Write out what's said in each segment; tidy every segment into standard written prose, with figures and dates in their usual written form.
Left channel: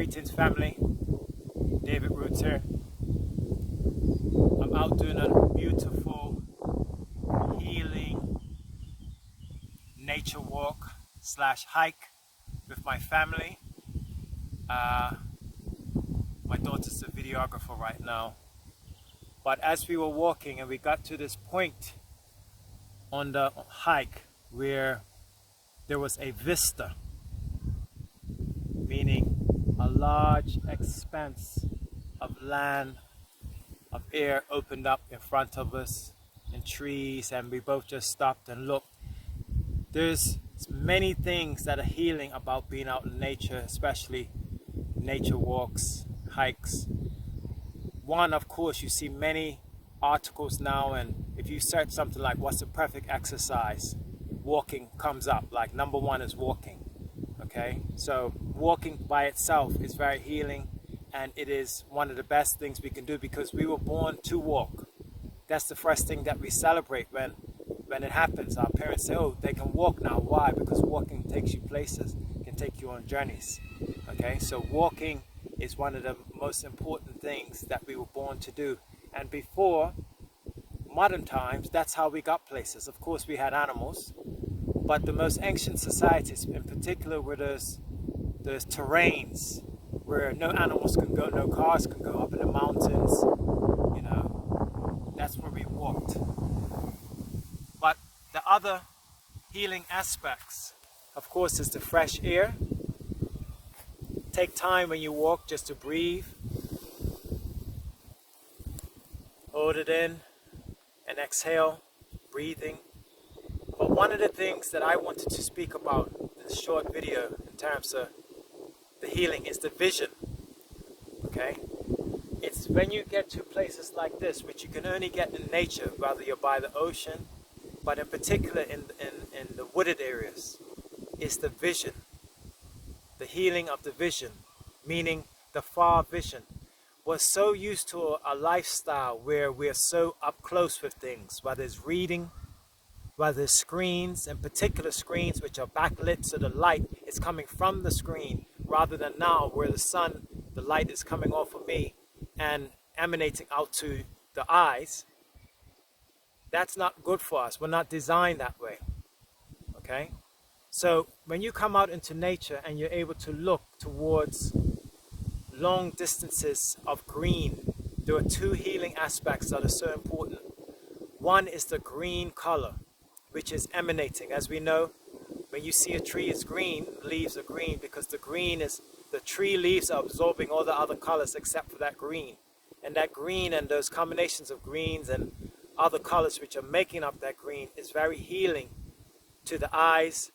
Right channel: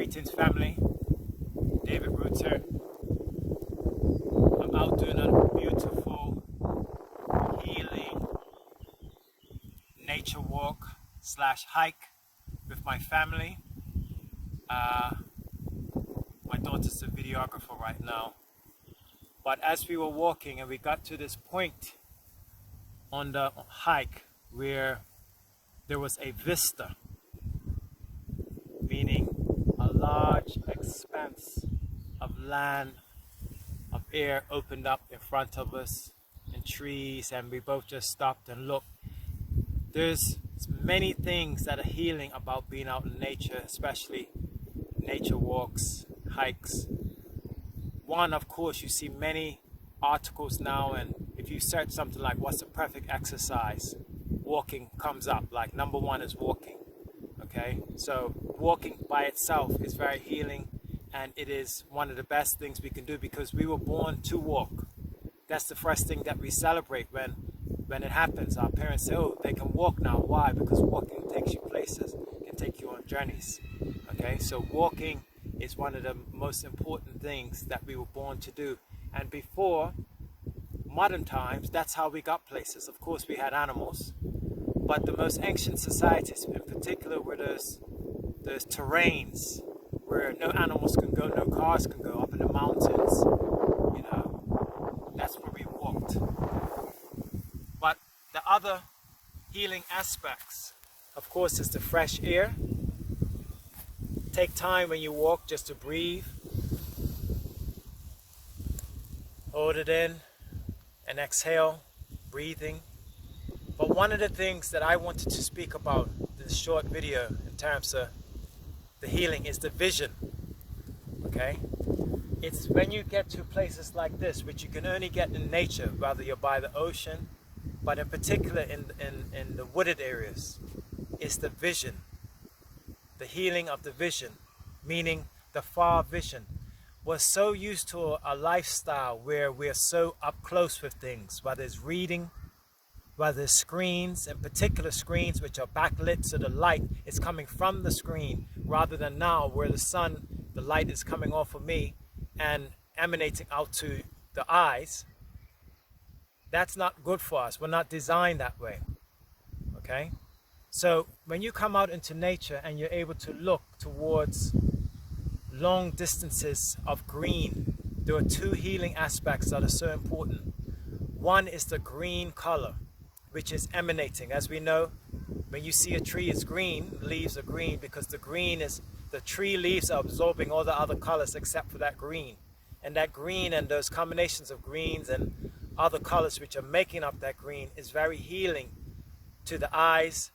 Greetings family, David Roots here. I'm out doing a beautiful healing nature walk / hike with my family. My daughter's the videographer right now. But as we were walking and we got to this point on the hike where there was a vista, meaning a large expanse of land, of air opened up in front of us, and trees, and we both just stopped and looked. There's many things that are healing about being out in nature, especially nature walks, hikes. One, of course, you see many articles now, and if you search something like what's the perfect exercise, walking comes up. Like number one is walking. Okay, so walking by itself is very healing, and it is one of the best things we can do because we were born to walk. That's the first thing that we celebrate when it happens. Our parents say, oh, they can walk now. Why? Because walking takes you places, can take you on journeys. Okay, so walking is one of the most important things that we were born to do. And before modern times, that's how we got places. Of course, we had animals, but the most ancient societies, in particular, where there's terrains where no animals can go, no cars can go, up in the mountains, you know, that's where we walked. But the other healing aspects, of course, is the fresh air. Take time when you walk just to breathe. Hold it in and exhale, breathing. But one of the things that I wanted to speak about in this short video in terms of the healing is the vision. Okay? It's when you get to places like this, which you can only get in nature, whether you're by the ocean, but in particular in the wooded areas, is the vision. The healing of the vision, meaning the far vision. We're so used to a lifestyle where we're so up close with things, whether it's reading, whether it's screens, in particular screens which are backlit, so the light is coming from the screen rather than now where the sun, the light is coming off of me and emanating out to the eyes. That's not good for us. We're not designed that way. Okay? So when you come out into nature and you're able to look towards long distances of green, there are two healing aspects that are so important. One is the green color, which is emanating. As we know, when you see a tree, it's green, leaves are green, because the green is, the tree leaves are absorbing all the other colors except for that green. And that green and those combinations of greens and other colors which are making up that green is very healing to the eyes,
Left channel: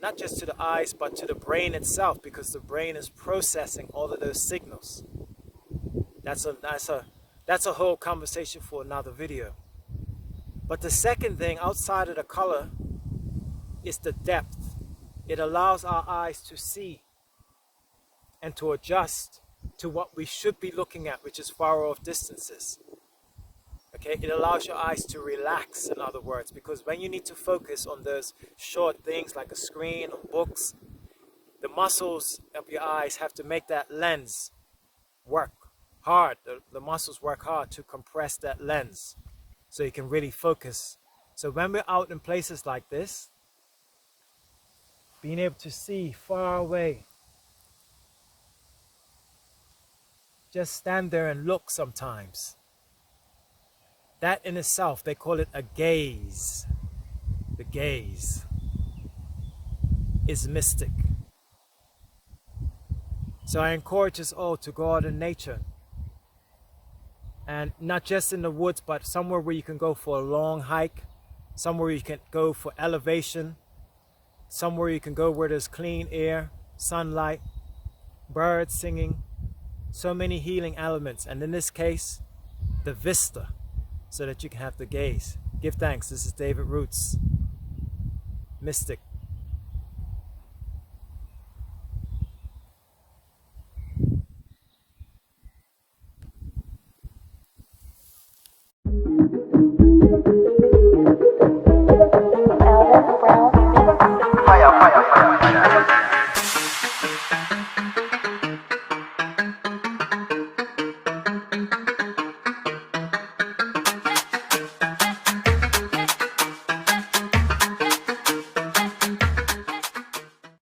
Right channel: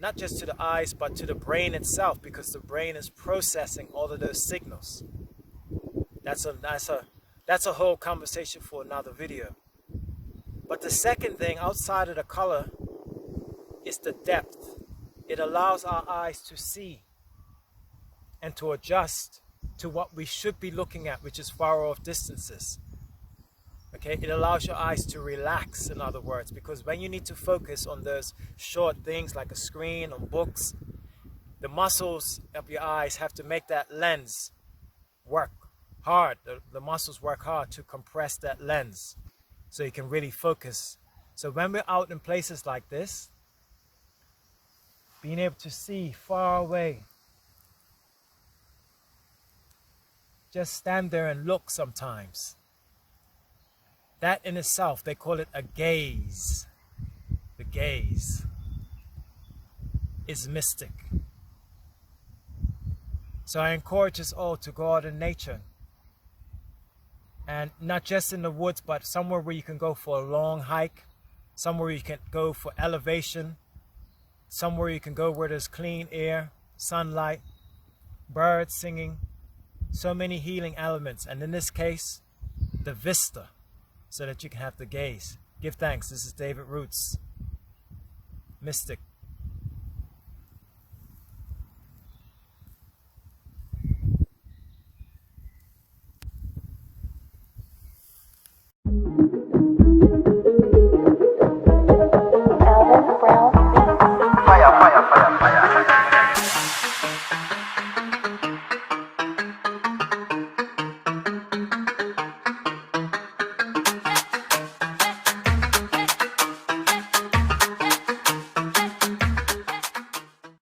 not just to the eyes, but to the brain itself, because the brain is processing all of those signals. That's a whole conversation for another video. But the second thing outside of the color is the depth. It allows our eyes to see and to adjust to what we should be looking at, which is far off distances. Okay, it allows your eyes to relax, in other words, because when you need to focus on those short things like a screen or books, the muscles of your eyes have to make that lens work hard. The muscles work hard to compress that lens so you can really focus. So when we're out in places like this, being able to see far away, just stand there and look sometimes. That in itself, they call it a gaze. The gaze is mystic. So I encourage us all to go out in nature. And not just in the woods, but somewhere where you can go for a long hike, somewhere you can go for elevation, somewhere you can go where there's clean air, sunlight, birds singing, so many healing elements. And in this case, the vista, so that you can have the gaze. Give thanks. This is David Roots, Mystic.